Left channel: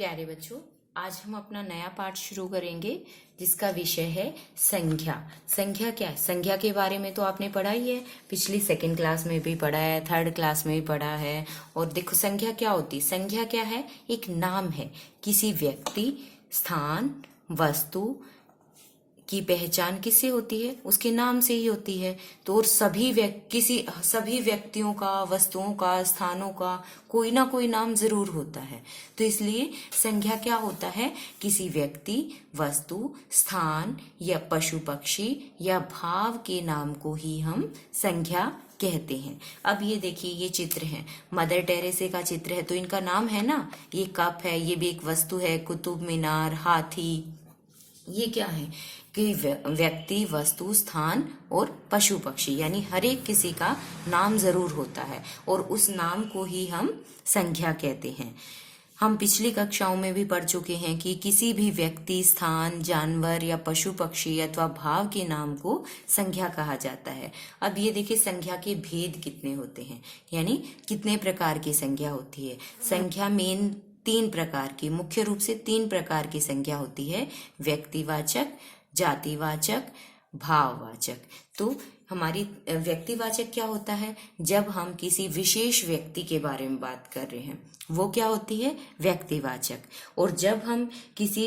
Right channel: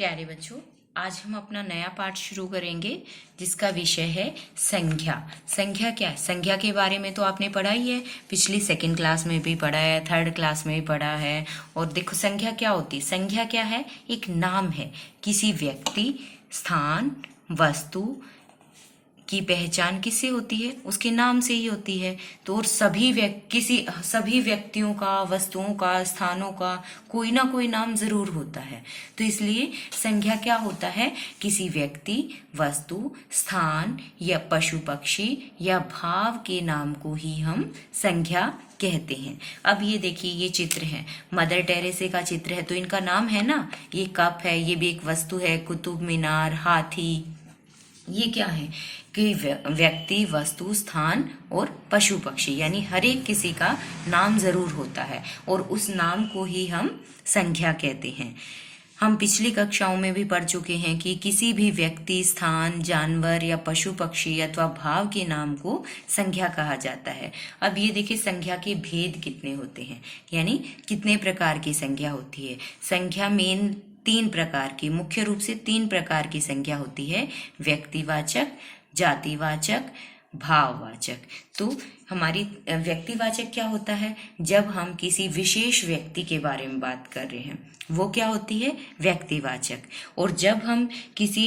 प्यारे बच्चों, आज हम अपना नया पाठ शुरू करेंगे जिसका विषय है संख्या। संख्या क्या है? संख्या के बारे में तो आपने पढ़ा ही है, पिछली सेकंड क्लास में भी पढ़ा है, थर्ड क्लास में भी पढ़ा है। और देखो संख्या क्या होती है। संख्या क्या है? एक नाम है किसी व्यक्ति, स्थान, वस्तु की पहचान किससे होती है? उसके नाम से ही होती है। तो और सभी व्यक्तियों का, वस्तुओं का, स्थानों का कोई ना कोई नाम जरूर होता है। तो इसलिए संख्या क्या होता है? किसी व्यक्ति, वस्तु, स्थान या पशु पक्षी या भाव के नाम को ही हम संख्या कहते हैं। अब ये देखिए, ये चित्र है, मदर टेरेसा का चित्र है, तो इनका नाम है ना। ये कप है, ये भी एक वस्तु है, कुतुब मीनार, हाथी, ये क्या है कि व्यक्ति, वस्तु, स्थान और पशु पक्षी, यानी हर एक किसी का नाम जरूर होता है और उस नाम को ही हम संख्या कहते हैं। हम पिछली कक्षाओं में भी पढ़ चुके हैं कि किसी भी व्यक्ति, स्थान, जानवर या पशु पक्षी अथवा भाव के नाम को संख्या कहा जाता है। अब ये देखिए, संख्या के भेद कितने होते हैं, यानी कितने प्रकार की संख्या होती है। संख्या मेन मुख्य रूप से तीन प्रकार की संख्या होती है: व्यक्तिवाचक, जातिवाचक, भाववाचक। तो हमारी व्यक्तिवाचक क्या होता है? जब हम किसी विशेष व्यक्ति के बारे में बात कर रहे हैं, वो क्या होती है? व्यक्तिवाचक। और जब हम किसी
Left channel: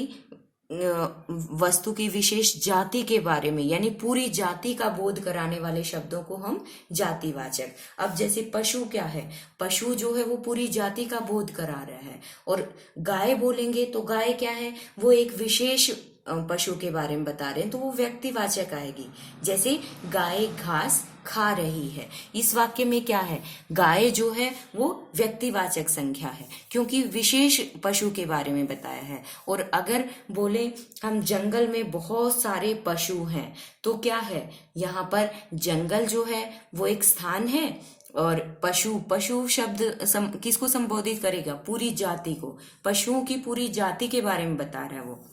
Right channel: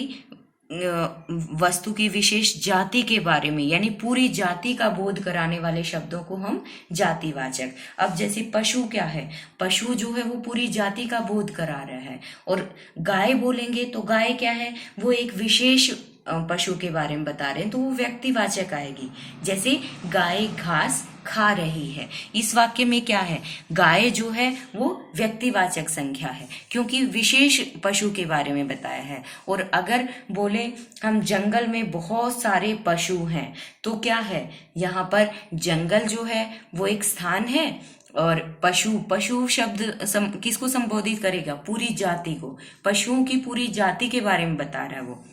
वस्तु की विशेष जाति के बारे में, यानी पूरी जाति का बोध कराने वाले शब्दों को हम जातिवाचक। अब जैसे पशु क्या है? पशु जो है वो पूरी जाति का बोध करा रहा है। और गाय बोलेंगे तो गाय क्या है? वो एक विशेष पशु के बारे में बता रहे हैं, तो वो व्यक्तिवाचक आएगी। जैसे गाय घास खा रही है, इस वाक्य में क्या है? गाय जो है वो व्यक्तिवाचक संख्या है, क्योंकि विशेष पशु के बारे में बताया है। और अगर बोले हम जंगल में बहुत सारे पशु हैं, तो क्या है? यहाँ पर जंगल जो है वो एक स्थान है, और पशु शब्द किसको संबोधित करेगा? पूरी जाति को। पशुओं की पूरी जाति के बारे में बता रहा है वो।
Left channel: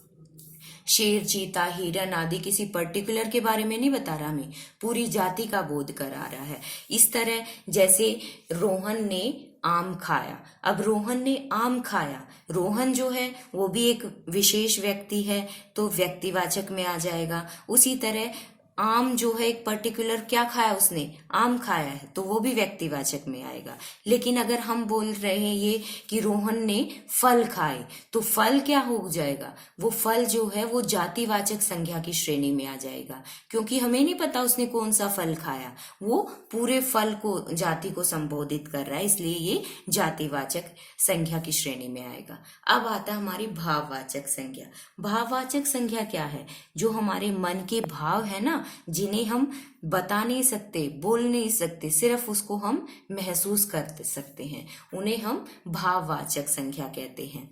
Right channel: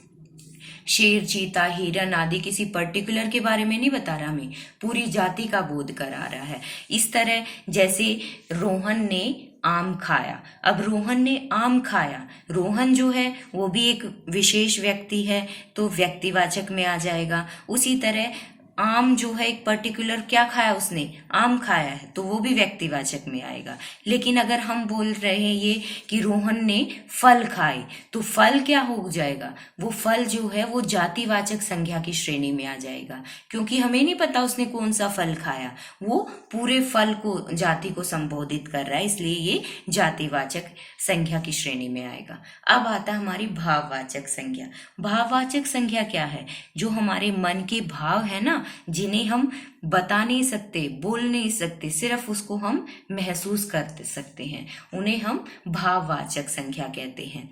शेर, चीता, हिरन आदि किसी पर्टिकुलर के बारे में नहीं बता रहा, हमें पूरी जाति का बोध करा रहा है। इस तरह जैसे रोहन ने आम खाया। अब रोहन ने आम खाया, रोहन जो है वो भी एक विशेष व्यक्ति है, तो व्यक्तिवाचक में आ जाएगा। उसी तरह आम जो है एक पर्टिकुलर, क्या खाया उसने? आम खाया है, तो वो भी व्यक्तिवाचक में आएगा। लेकिन अगर हम बोल रहे हैं ये कि रोहन ने फल खाए, तो फल क्या हो जाएगा? वो फल जो है वो जातिवाचक संख्या की श्रेणी में आ जाएगा, क्योंकि हमें नहीं पता उसने कौन सा फल खाया, वो पूरे फल को, जाति को संबोधित कर रहा है, इसलिए ये जातिवाचक संख्या की श्रेणी में आएगा। अब आता है हमारी भाववाचक संख्या। भाववाचक संख्या क्या है? जो हमारे मन के भाव है ना, जिन्हें हम बता नहीं सकते, बोल नहीं सकते, सिर्फ उसको हम महसूस कर सकते हैं, उन्हें हम भाववाचक संख्या कहते हैं।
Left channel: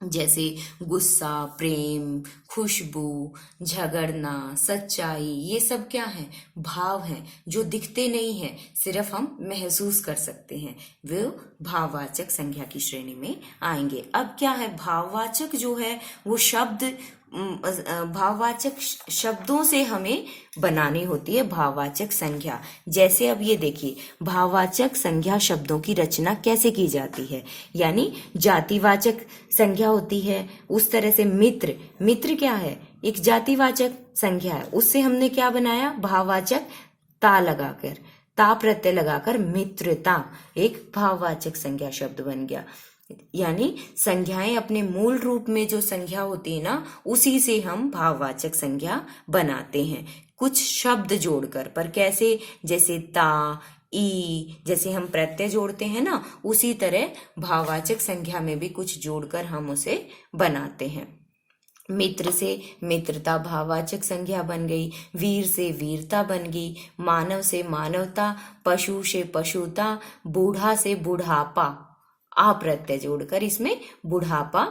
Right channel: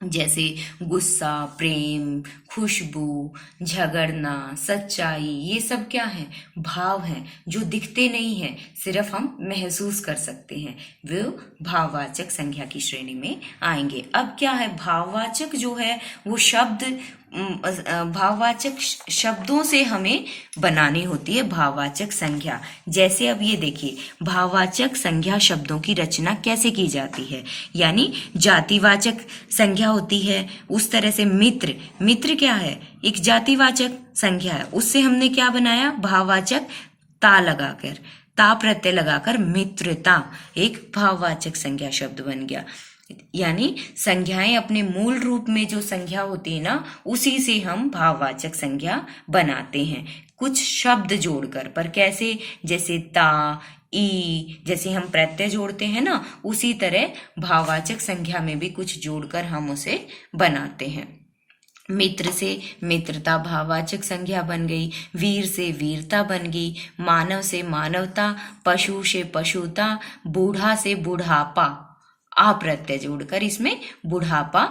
जैसे गुस्सा, प्रेम, खुशबू, झगड़ना, सच्चाई, ये सब क्या है? भाव हैं, जो दिखते नहीं हैं, सिर्फ हम महसूस कर सकते हैं, वो भाववाचक संख्या की श्रेणी में आएंगे। अब क्या है? भाववाचक जो है वो भाववाचक शब्दों से हमें बनानी होती है भाववाचक संख्या। जैसे अब ये देखिए, भाववाचक संख्या शब्दों की रचना कैसे की जाती है, यानी जातिवाचक संख्या होती है, उस तरह से मित्र क्या है? एक जातिवाचक संख्या है, उससे हमने क्या बनाया? भाववाचक ता प्रत्यय लगाकर मित्रता एक भाववाचक संख्या शब्द बन गया। यानी संख्याएं अपने मूल रूप में जो संख्या होती है ना, उसी से हम भाववाचक संख्या बनाते हैं, कुछ शब्द जोड़कर। पर कैसे? जैसे ता, ई, जैसे हम प्रत्यय जोड़ते हैं ना, उसी तरह भाववाचक संख्या में भी कुछ जोड़कर हम उसे बनाते हैं। मित्र से मित्रता भाववाचक संख्या बन गई, वीर से वीरता बन गई, मानव से मानवता, पशु से पशुता, बूढ़ा से बुढ़ापा, आ प्रत्यय जोड़कर इसमें बुढ़ापा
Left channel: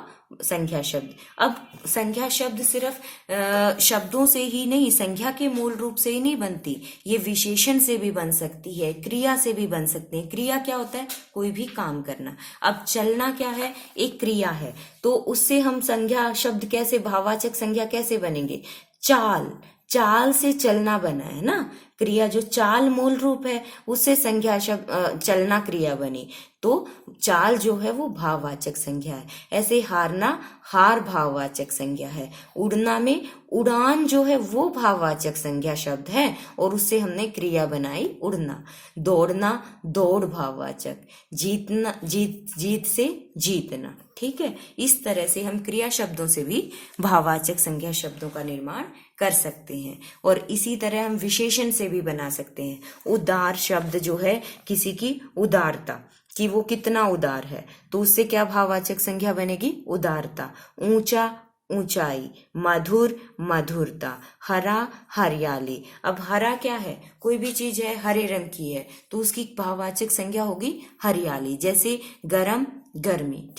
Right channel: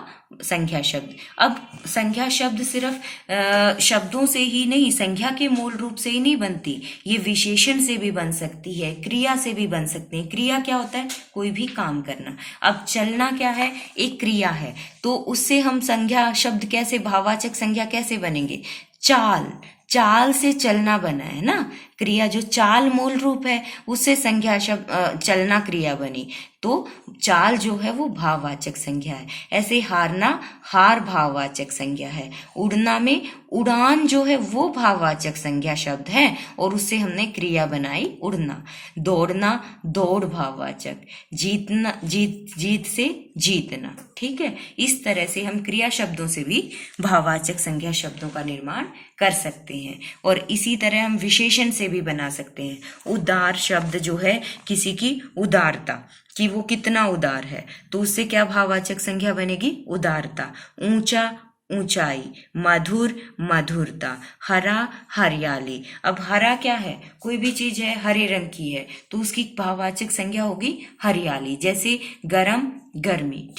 संख्या शब्द। अब संख्या शब्द सिर्फ शब्दों से ही नहीं, संख्या के मूल रूप से ही नहीं बनती, ये विशेषण से भी बन सकती है, क्रिया से भी बन सकती है। क्रिया क्या होता है? कोई भी काम करना। अब चलना क्या है? एक क्रिया है, तो उससे हम संख्या शब्द कैसे, भाववाचक संख्या कैसे बनेंगे? चाल, चाल से चलना बना है ना, क्रिया जो चाल मूल रूप है उससे संज्ञा शब्द चलना क्रिया बनी, तो चाल जो है वो भाववाचक संज्ञा है। ऐसे हारना हार भाववाचक संज्ञा है। उड़ना में उड़ान जो है वो भाववाचक संज्ञा शब्द है और उससे हमने क्रिया बनाई उड़ना। दौड़ना दौड़ भाववाचक, जीतना जीत से जीतना। ठीक है, इस तरह से हम क्रिया शब्दों से भी भाववाचक संज्ञा शब्दों का निर्माण कर सकते हैं। और इसी तरह हम विशेषण से भी बना सकते हैं। उदार शब्द जो है किसी की उदारता, कि वो कितना उदार है, तो उससे क्या भाववाचक संज्ञा बनेगी? उदारता। ऊंचा ऊंचाई, मधुर मधुरता, हरा हरियाली। अब हरा क्या है? कोई भी चीज है हरे रंग की है तो उसकी भाववाचक संज्ञा होगी हरियाली। जैसे गरम गर्मी।